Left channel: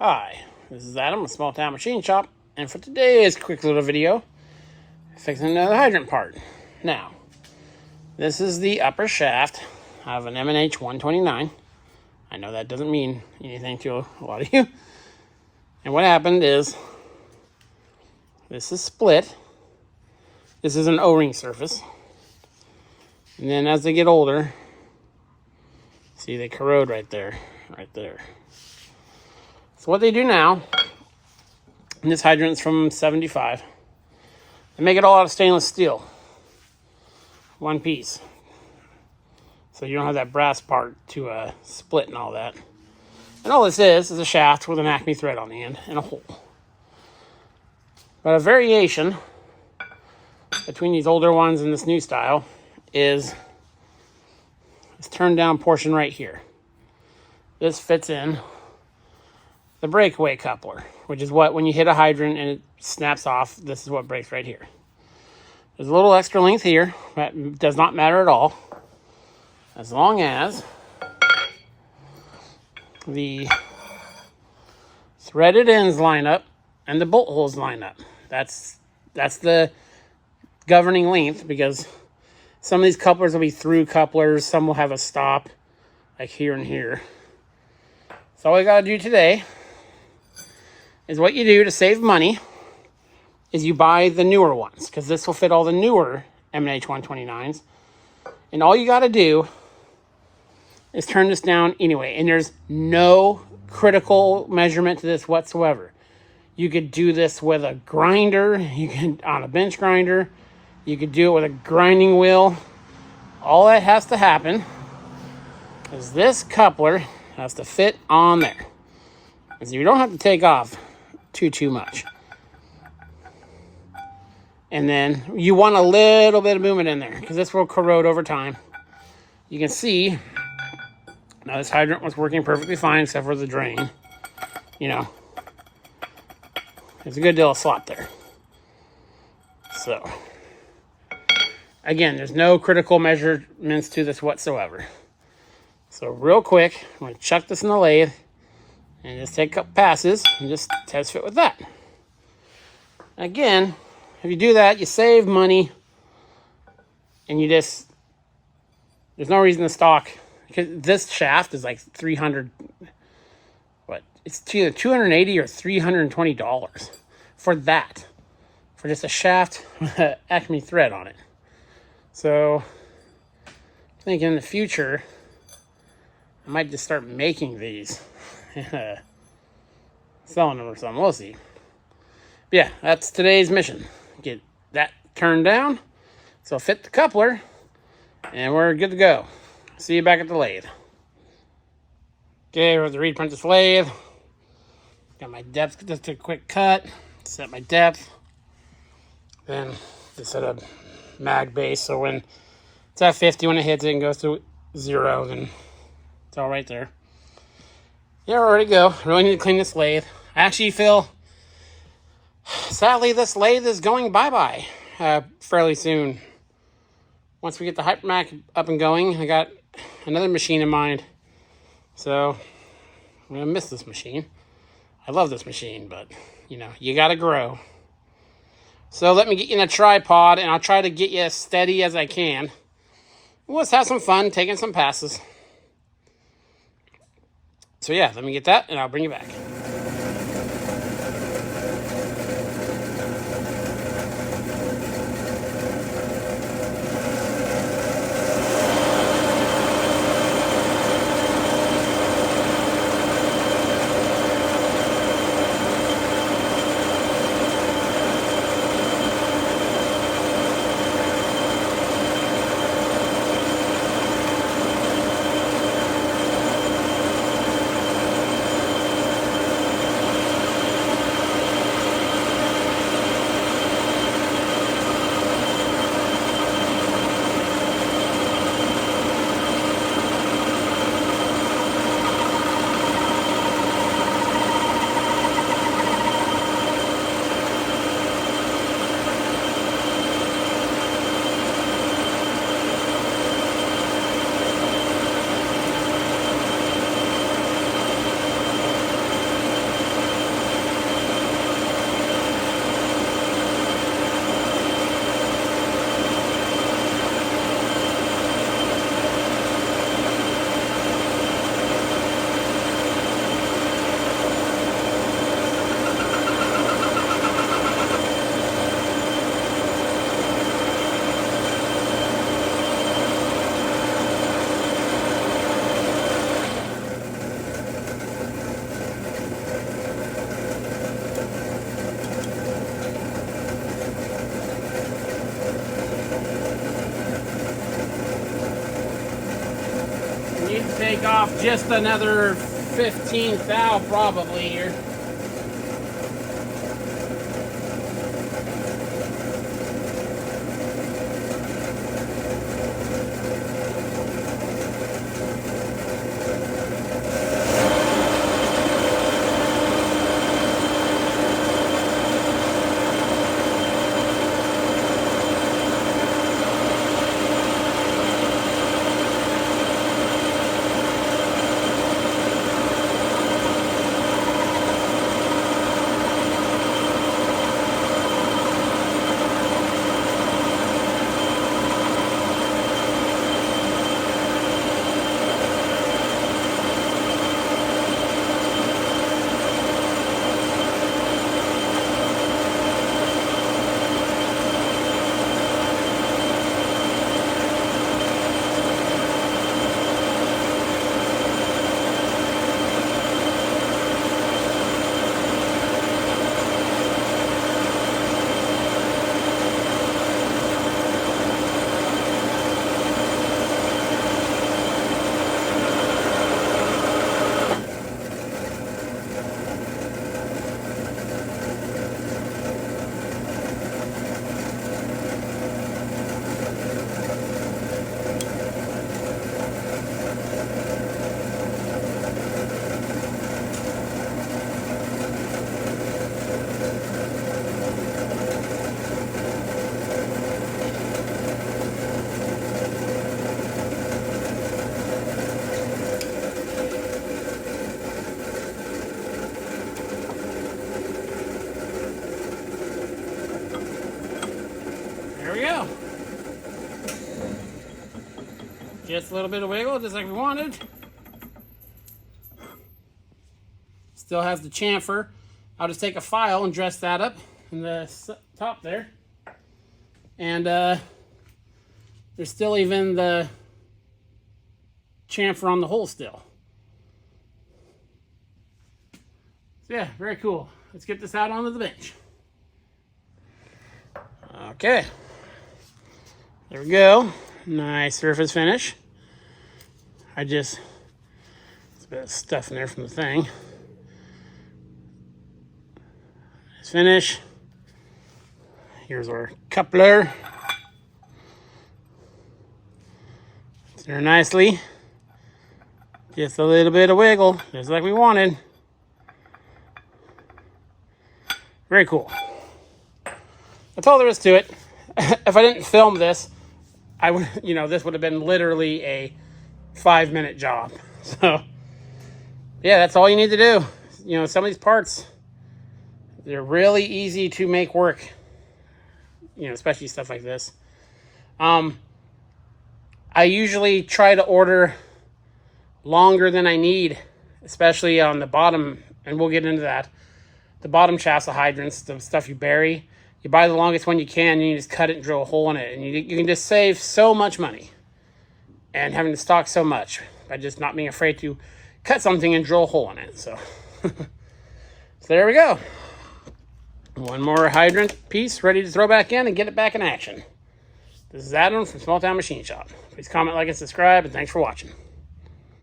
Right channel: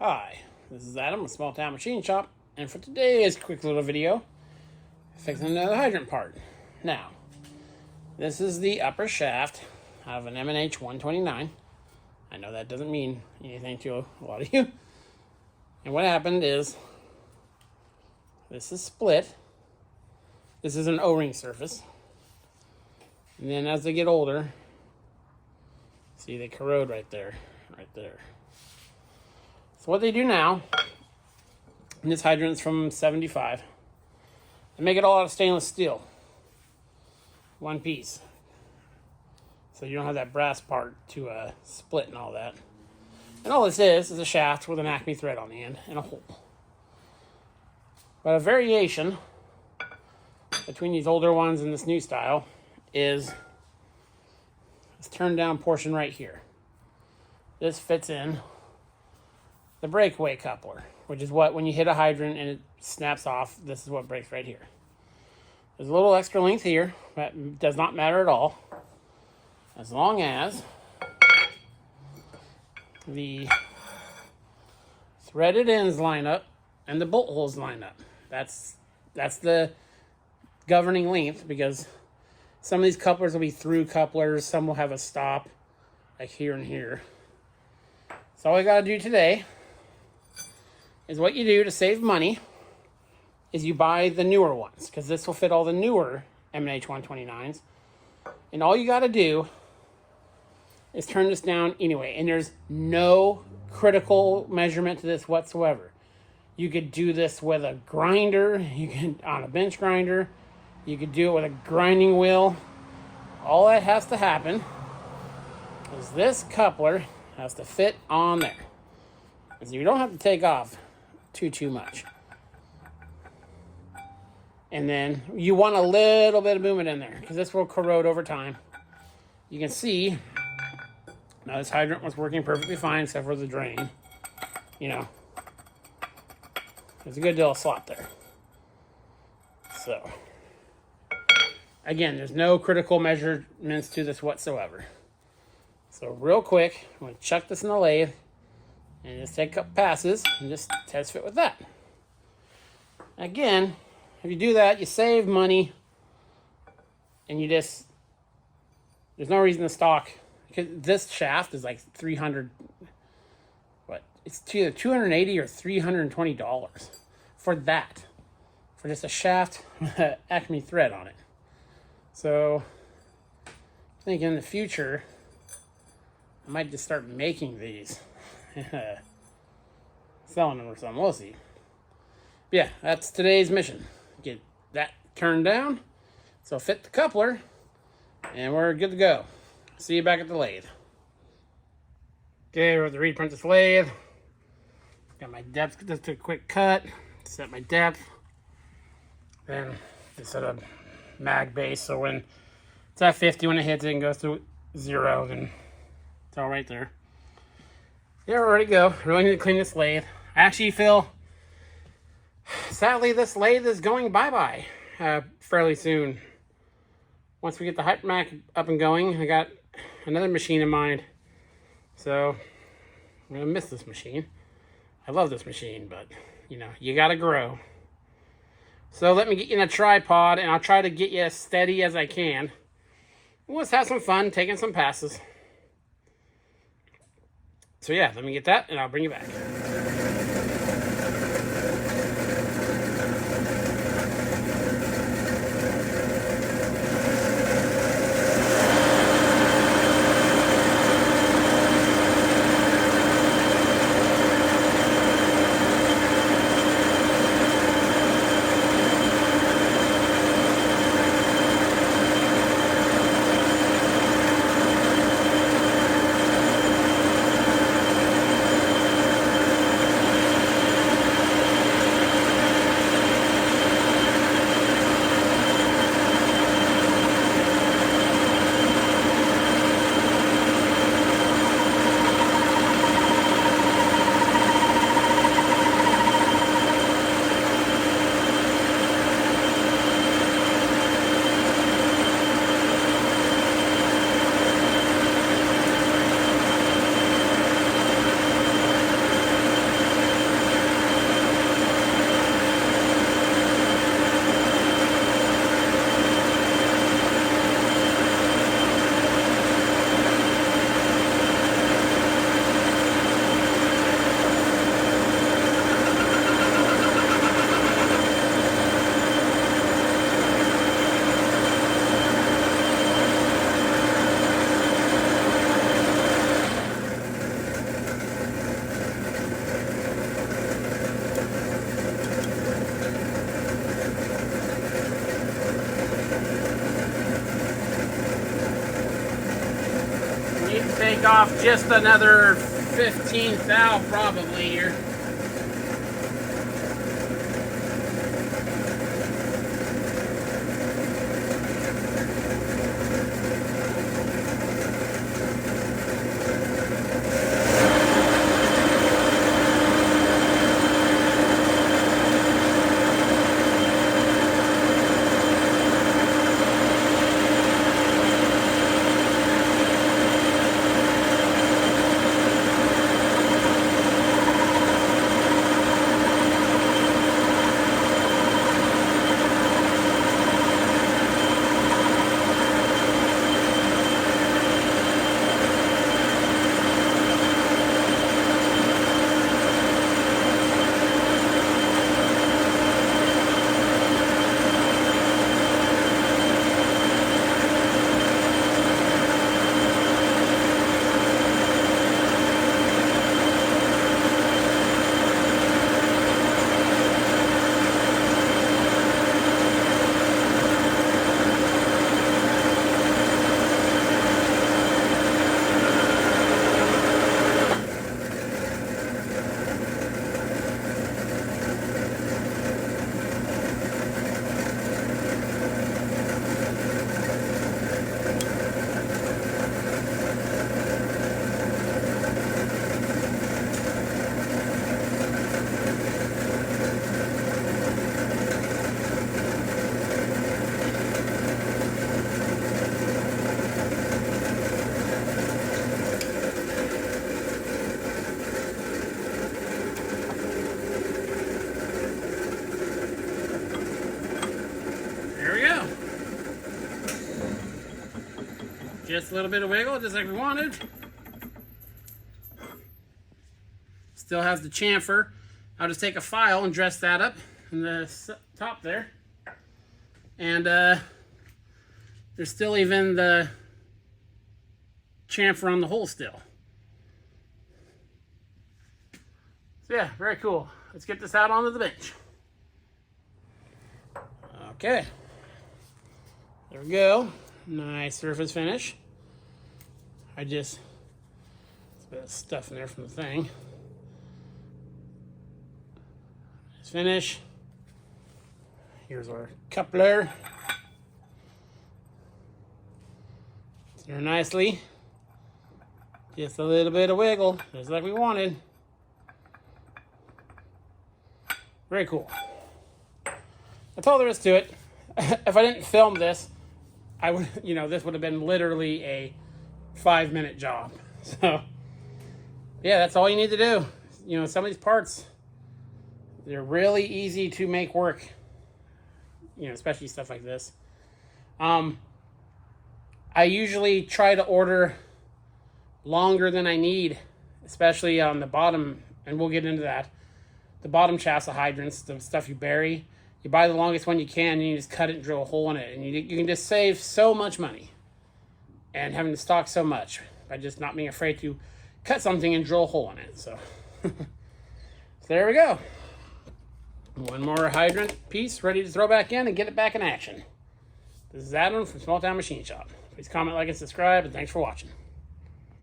Hi, this is Adam with Small Town Machine Shop, and for today's quick little video, fixing another hydrant part. Now, this is the upper shaft of an M&H 129. I know that doesn't mean anything to a lot of you. And what happened is, this is split. This is an O-ring surface. And then as they get older, see they corrode right there. So what they do now, and this hydrant's from 75, they make it all out of stainless steel. One piece. So you don't have that brass part to split and all that. And all this is a shaft with an Acme thread on the end and a hole. But a variation between these older ones and this new style is this turned down portion right here. This fits in the breakaway coupler, which is what, when you hit a hydrant and it snaps off, this is what breaks right here. There's a little extra length here, that does not matter at all, as long as the threaded ends line up and the bolt holes line up. That's the governing length, because some of these couplers will be through couplers, some will have a stop, like here and here. So all we gotta do today is what you do to save money is you buy the newer ones, because this will fit all the newer M&H 129s. And all you got to do is turn this down anyway. And there's no critical measurement to this whatsoever. You could do this with a grinder, you can on a bench grinder, you could do it with a grinding wheel. All that has to happen is this coupler has to fit on there. So you don't have to take off too much. And then you want a little bit of movement in there, because this will corrode over time. You can see now this hydrant was working perfectly fine except for the drain. You know, there's a good deal of slop there. So again, there's no critical measurements to this whatsoever. So real quick, I'm going to chuck this in the lathe and just take a couple passes and just test fit with that. Again, if you do that, you save money, and there's no reason to stock, because this shaft is like $300, it's either $280 or $320 for that, for just a shaft with an Acme thread on it. So I think in the future, I might just start making these and selling them or something. We'll see. But yeah, that's today's mission. Get that turned down, so fit the coupler, and we're good to go. See you back at the lathe. Okay, we're at the reed apprentice lathe. Got my depth, just a quick cut, set my depth. Then just set a mag base, so when it's at 50, when it hits it and goes to 0, then it's all right there. Yeah, we're ready to go. Really need to clean this lathe. I actually feel, sadly, this lathe is going bye-bye fairly soon. Once we get the Hydrant up and going, I got another machine in mind. So I'm going to miss this machine. I love this machine, but, you know, you got to grow. So let me get you in a tripod, and I'll try to get you as steady as I can. Let's have some fun taking some passes. So yeah, let me get that, and I'll bring you back. just another 15th thou probably here. Just a little bit of wiggle, just like we wanted. Still has the chamfer. I'll just take a file and dress that up in the top there. And there's still even the chamfer on the hole still. So yeah, very cool. Let's get this out onto the bench. Okay. There we go. Nice surface finish. There's a bit of stuff in there from the thing. Nice finish. Here's our coupler. It's there nicely. Just a little bit of wiggle, just like we wanted. Very cool. That's all there is to it. If I didn't film this, I would, this would have been literally a 5-minute job. So, yeah, that's all you need to do. Some of these parts, they're really easy to make work. Especially stuff like this. I usually try to order longer than I need, especially on the bottom, and we'll get into that. The bottom shafts of hydrants, the stuff you bury. You buy the longest one you can, and you just cut it and drill a hole in it. And you can just save so much money and having to stock so much by just not being afraid to cut something and drill a hole in it. So, so there we go. One more hydrant piece ready to throw back in and get it back in action. This is Adam from Small Town Machine Shop. Please comment, like, and subscribe, and thanks for watching.